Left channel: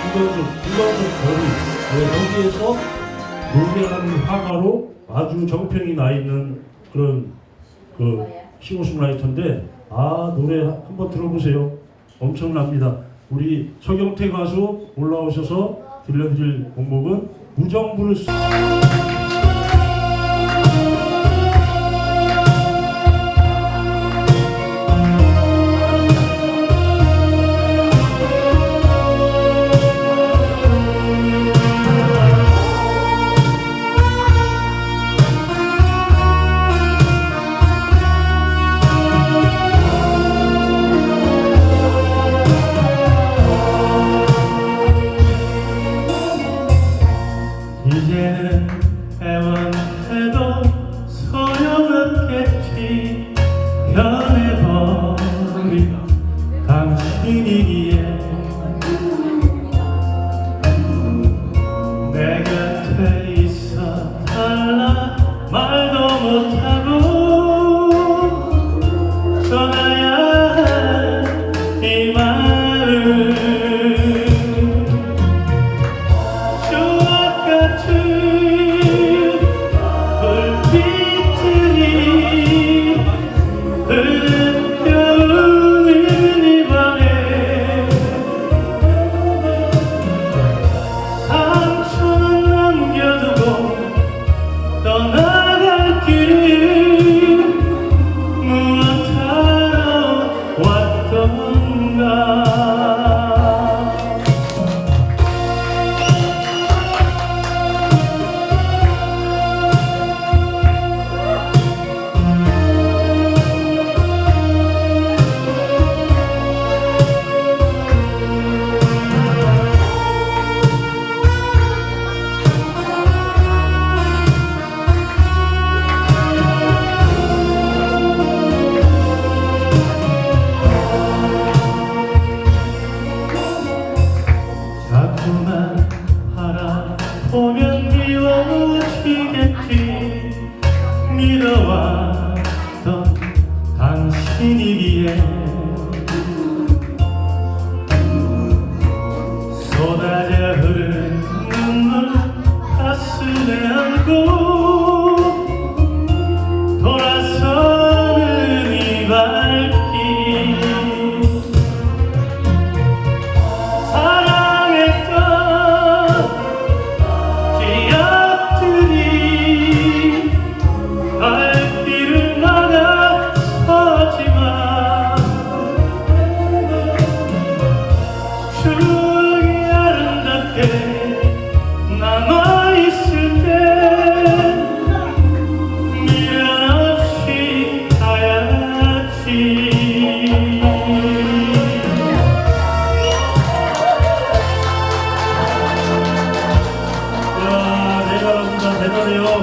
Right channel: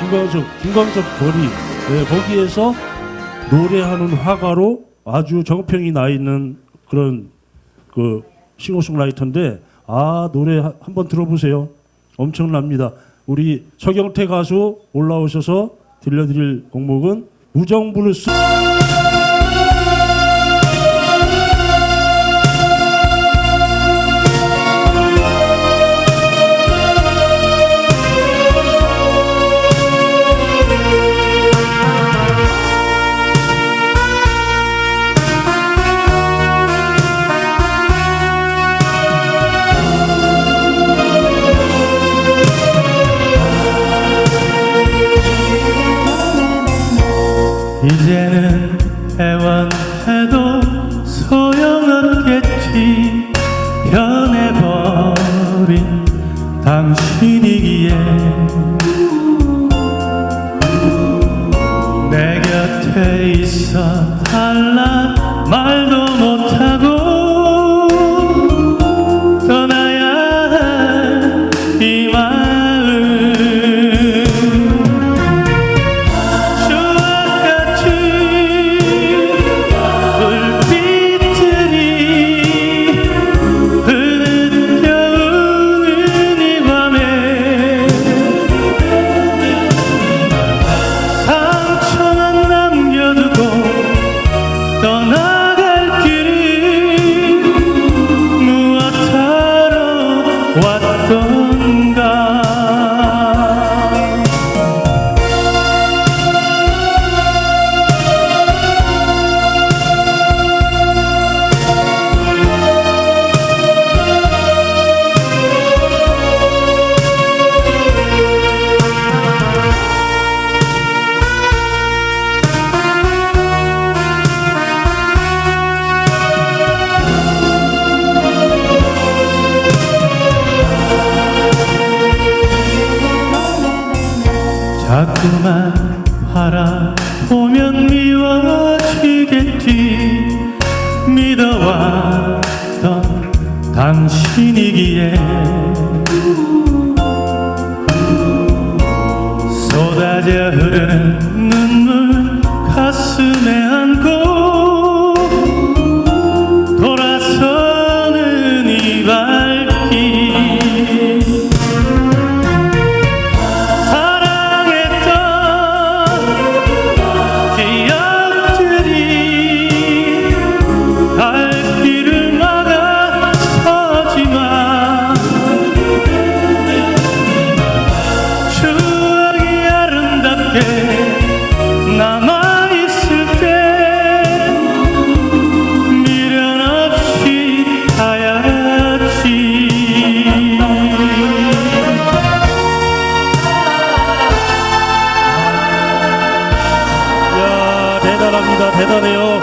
김광석, 김광석 거리 네, 거기에서 노래하는 화가로 아주 정평이 나 있는 그런 그 싱어송라이터인데 아 노래 하- 한번 들어보세요. 엄청납니다. 우리 서경태 가수 올라오셔서 들려드릴 곡목은 우정부를 쓰. 해도 소용없겠지. 변해버린 당신이기에. 내 곁에 있어 바라보면 미워지겠지. 믿어왔던 당신이기에